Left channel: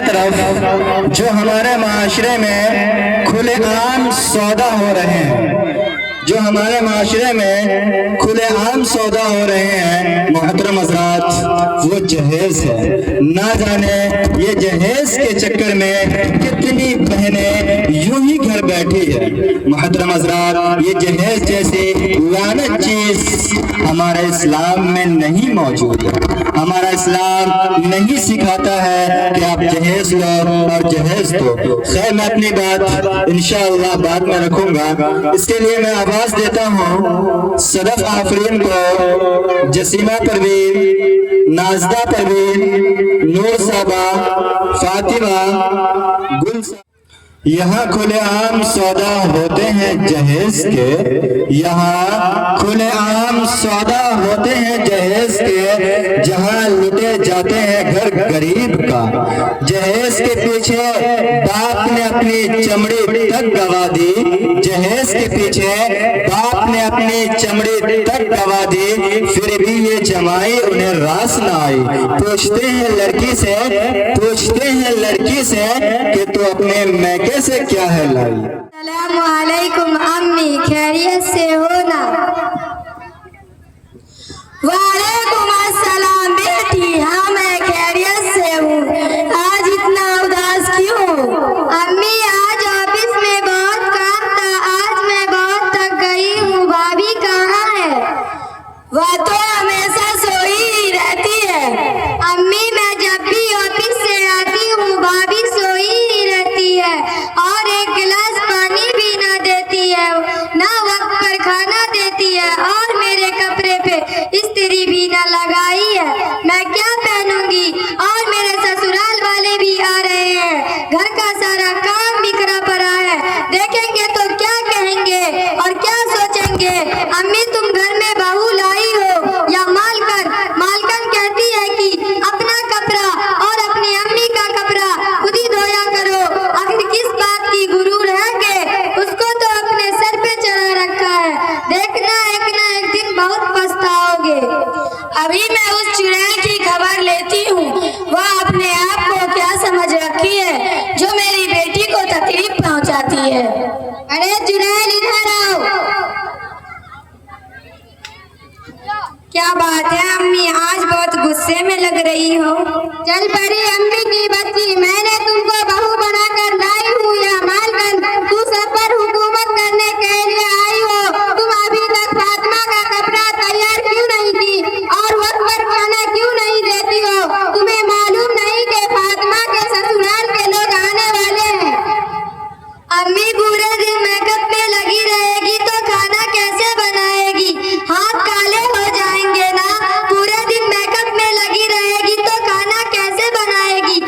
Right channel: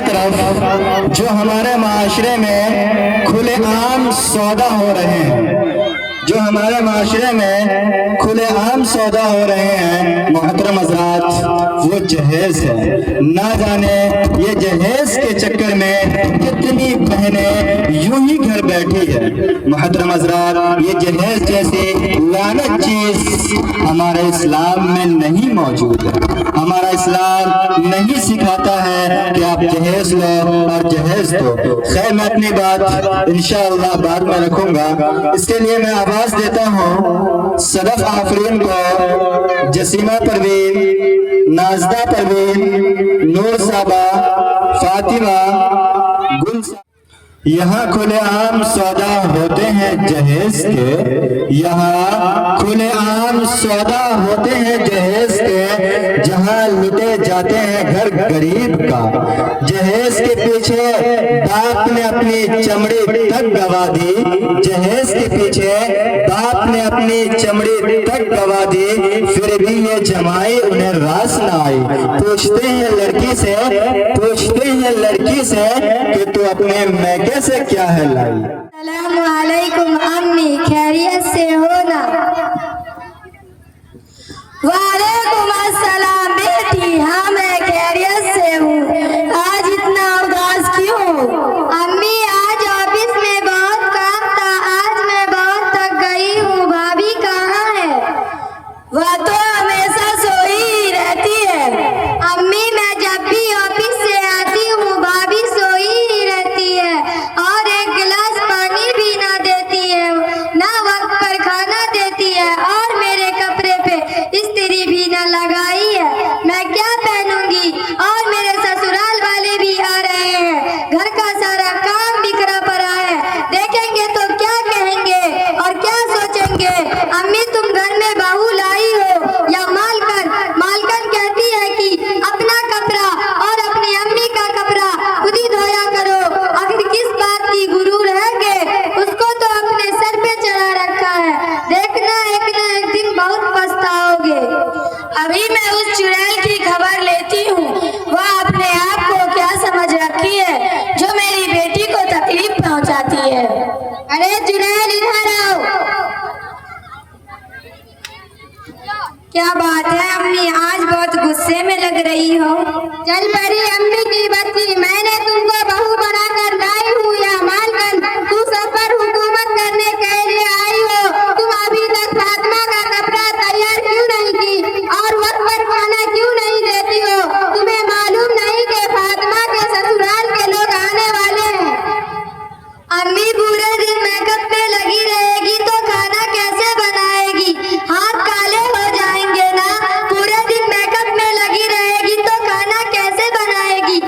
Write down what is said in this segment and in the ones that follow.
तरफ जो हमारे माशरे में खुलेआम सौदा हो रहे हैं, जो हमारे माशरे में खुलेआम सौदा हो रहे हैं मोहतरम हज़रात, वो जहेज है। ना जाने ये जहेज के चक्कर में कितनी बहनें यूं ही घर बैठी है। मोहतरम हज़रात, ये जहेज जैसी लानत चीज हमारे इस्लाम में नहीं मौजूद है। हमारा इस्लाम नहीं सिखाता है कि आप जहेज लो और जहेज दो। खैर, मैं अपनी बात इंशाअल्लाह बाद में रखूंगा। इसके लिए मैं आवाज देता हूँ सदफ आफरीन को, जसीमा परवीन, नाजदा परवीन, नूर साबा, फातिमा, गुल। यहाँ खुलेआम सौदा होते हैं जहेज के, यहाँ खुलेआम सौदा होते हैं जहेज के, जहाँ लुटे जाते हैं घर गरीब का। जहेज के पीछे बाप ने अपनी चमड़ी तक गवा दी, जहेज के पीछे बाप ने अपनी चमड़ी तक गवा दी, फिर भी ये जमाई उन्हें रास ना आई। पूछते हैं लड़की से कि तू अपने मैके से क्या है लाई। अस्सलामु अलैकुम अम्मी, खैरियत से हो ना? वालेकुम अस्सलाम बेटी, हाँ मैं खैरियत से हूँ। आज इतना उदास क्यों? अम्मी, आज ऑफिस में बहुत काम था, आज मैं बहुत थक गई हूँ। भाभी कहाँ है? वह तो हमेशा सोई ही रहती है। अम्मी, मैं जब भी ऑफिस से आती हूँ भाभी सोई ही रहती है और एक गिलास पानी भी ना देती है, ना वक्त पर खाना देती है और मेरे कपड़े पे इस्त्री भी ना लगाई है। मैं क्या पहनूंगी? और मेरे ससुराल वाले भी आ रहे हैं, घर का सारा काम बिखरा पड़ा है। देखेंगे तो क्या कहेंगे और क्या सोचेंगे? अम्मी, तुम घर में बहू लाई हो या मालकन? मालकन कहती है कि अपना कपड़ा और अपनी अम्मी का कपड़ा खुद ही धोया करो। आखिर किस बात की गुरूर है कि उसको तो अपने सर पे चढ़ा रखा है। देखना एक ना एक दिन बहुत पछताओगे। अभी मैं उस चुड़ैल की खबर लेती हूँ, वह अपने आप को क्या समझ रखी है जो मेरी बेटी को तकलीफ पहुँचाती है। अरे चुड़ैल, इधर आओ। क्या बात है अम्मी, आज बहुत गुस्से में लग रही हो? चल परी अम्मी की बच्ची, मैंने तुमको बहू बनाकर लाई हूँ या मालकन? तू सब पर हुकूमत करने के लिए आई हो। तुम अभी तक फातिमा का कपड़ा तैयार क्यों नहीं की और वक्त पर खाना क्यों नहीं देती हो? तुम्हें मालूम नहीं कि फातिमा के ससुराल के लोग आने वाले हैं? अम्मी, पूरे दिन मेकअप में लगी रहेगी तो खाना कैसे बनाएगी? हाथ काले हो जाएंगे ना। पूरे दिन मेकअप में लगी रहेगी तो खाना कैसे बनाएगी?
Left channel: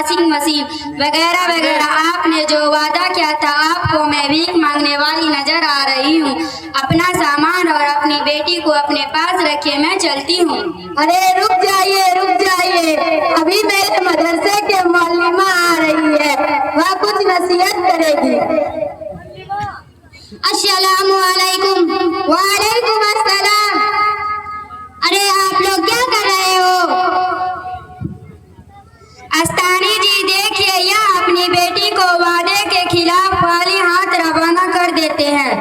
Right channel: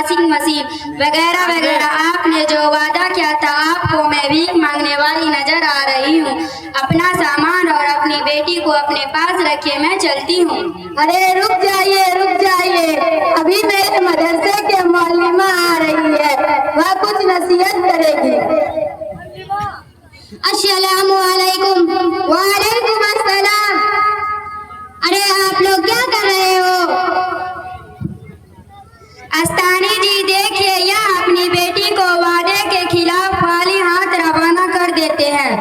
वाशिंग मशीन वगैरह वगैरह। आपने जो वादा किया था आपको मैं भीख मांगने वाली नजर आ रही हूँ। अपना सामान और अपनी बेटी को अपने पास रखिए, मैं चलती हूँ। अरे रुक जाइए, अभी मेरे मदरसे के मौलिमा आ रही है, वह कुछ नसीहत करेगी। अस्सलामु अलैकुम। वालेकुम अस्सलाम। अरे आप लोग क्या कर रहे हो? अस्तानी जी देखिए, यह अपनी बेटी को वादे के खिलाफ खाली हाथ रवाना कर देते हैं।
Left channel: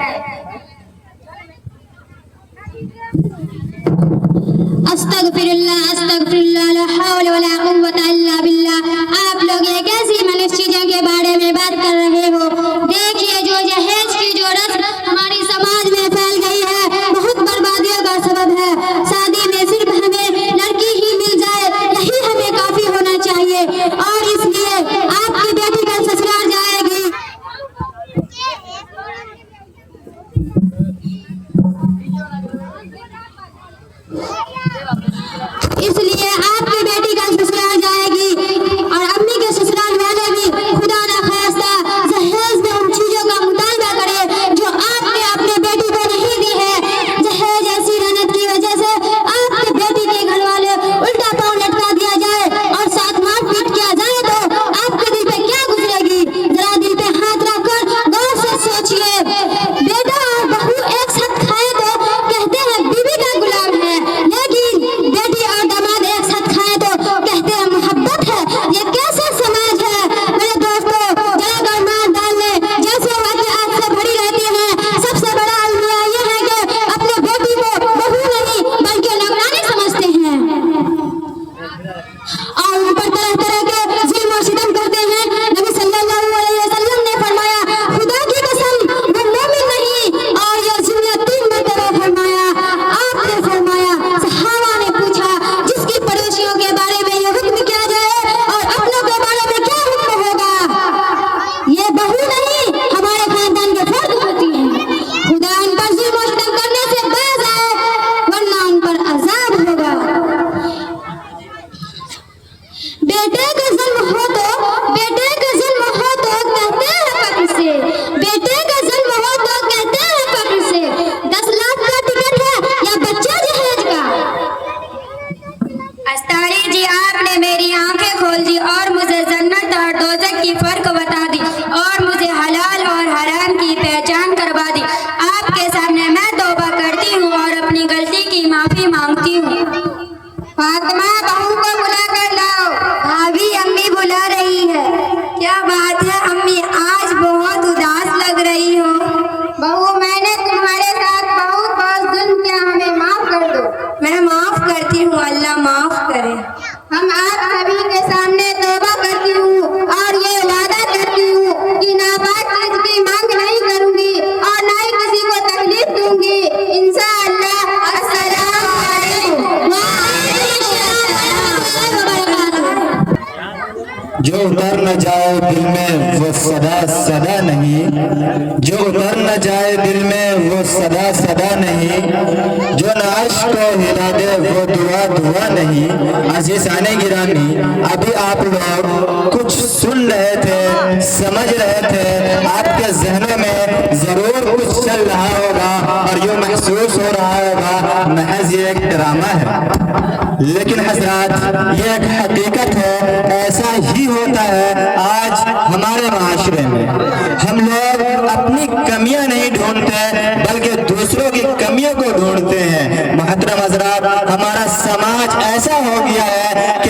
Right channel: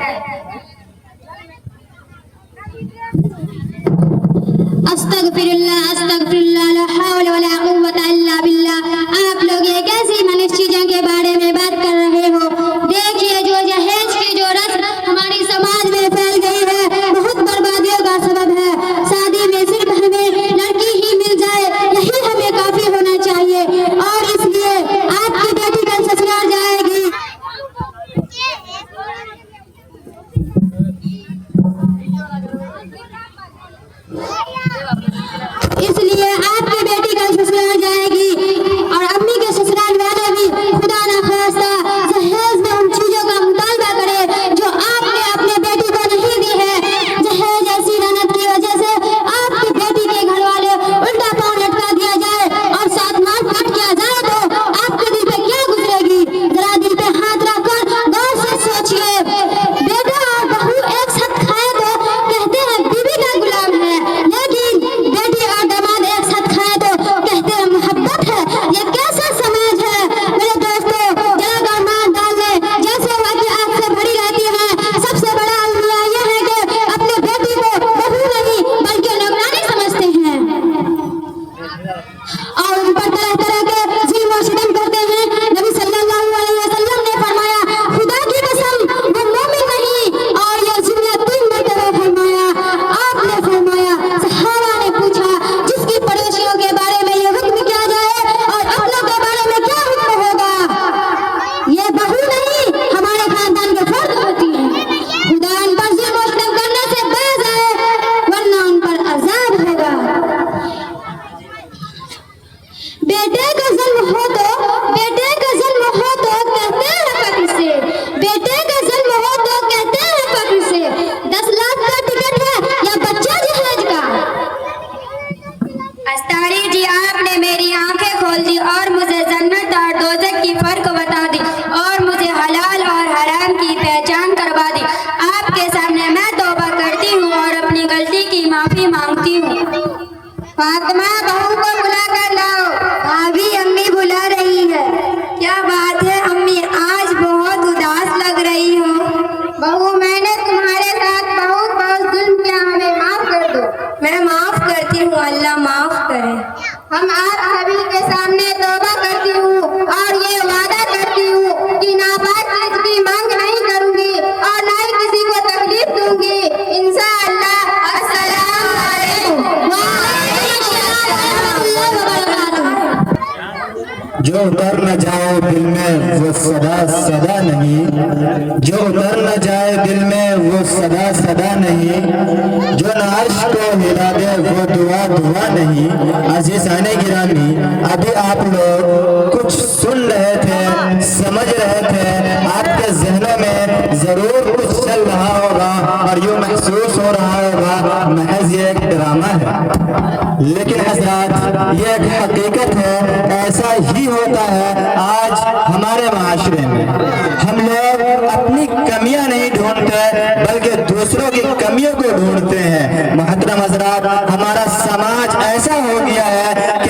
अस्तगफिरुल्लाह ला हौला वला कुव्वता इल्ला बिल्लाह। आप लोग ये कैसी मनुष्य चीजों के बारे में बात कर रहे हो? देखिए, जो दहेज की जो रस्म हमारी समाज में फैल गई है, बहुत बर्बादियों का सबब है। शादी में सिर्फ हमें लड़की ही मिल जाए, यही हमें काफी होना चाहिए, और इसलिए आपकी बेटी कल ससुराल जाएगी। इसलिए आपकी बेटी कल ससुराल जाएगी, और अम्मी के ससुराल वाले भी खुदा ना खास्ता जहेज में उन चीजों का मुतालबा करें जो आपने अपने बेटी को नहीं दी है। जहेज ऐसी रनत की वजह से आपकी बेटी के घर वाले उल्टा पाँव लटका दिया जाए और साथ मारपीट किया जाए तो आपके दिल पे क्या गुजरेगी? जरा दिल पे हाथ रखकर गौर से सोचिए। बेटा और बहू एक साथ खाए तो कहते हैं बीवी का गुलाम है, लेकिन बेटी और दामाद एक साथ खाए तो कहते हैं मोहब्बत है। ये कैसा समाज है मेरे दोस्तों? जरा दामाद डालने जैसे वाक़यात से भरी रहती है। सबसे बड़ा अलमिया ये है कि अपने बेटी को बहू नहीं बल्कि नौकरानी समझते हैं और उन पर तरह तरह के ज़ुल्म और सितम करते हैं। नबी सल्लल्लाहु अलैहि वसल्लम ने फरमाया, खुदा की कसम वो मोमिन नहीं, और ये जुमला 3 मरतबा फरमाया। आपने फरमाया, सहाबा ने पूछा, जिसकी पड़ोसियों के बारे में ये हुक्म किया जाए और अपनों के बारे में क्या हुक्म होगा? ये बहू नहीं, हमारे खानदान के फर्द होती है। खुदा उन पर जुल्म और सितम करने से बाज आए, वरना उन पर अजाब होगा। बेटे का जन्म हो तो कहते हैं कब्र से, बेटे का जन्म हो तो कहते हैं कब्र से। 10 लाख का टिकट है या बच्चा जहेज का? अस्तारी जी, आपने मेरी आंखें खोल दी और मुझे जन्नत और दोज़ख की फर्क बता दी, और मुझे हलाल और हराम की पहचान करवा दी। आपके सामने मैं तौबा करती हूँ और अपनी गलती की माफी मांगती हूँ। फातिमा, बहू को बुला कर लाओ, भाभी अम्मी बुला रही है। क्या बात है अम्मी, आज बहुत उदास लग रही हो। बहू, मैंने तुम्हारे साथ बहुत जुल्म किया, हमें माफ कर दो। मैं माफ करती हूँ, अल्लाह माफ करे। हम आप सभी के सामने तौबा करती हूँ और ये वादा करती हूँ कि नापाक चीज की मांग नहीं करूंगी और न ही किसी को तकलीफ दूंगी। इंशाअल्लाह। अस्सलाम वालेकुम। जो उतर न जाए दिल में वो सदा सदा नहीं, जो उतर न जाए दिल में वो सदा सदा नहीं, जो नाश को हिला दे वो दुआ दुआ नहीं। अज़ीज़ाने गिरामी, अभी आप लोग कुछ सुन रहे थे, समझ रहे थे, आपके ज़हनों में जरूर कुछ चल रहा होगा और यूँ महसूस हो रहा होगा महज ये एक ड्रामा है, लेकिन हज़रात ये एक हकीकत है। ऐसा ही होता है आज हमारे माशरे में। हम लोग अपनी कमियां नहीं ढूंढते बल्कि दूसरों की कमियों को ढूंढते हैं। मोहतरम हज़रात, हमारा समाज ऐसा हो गया है कि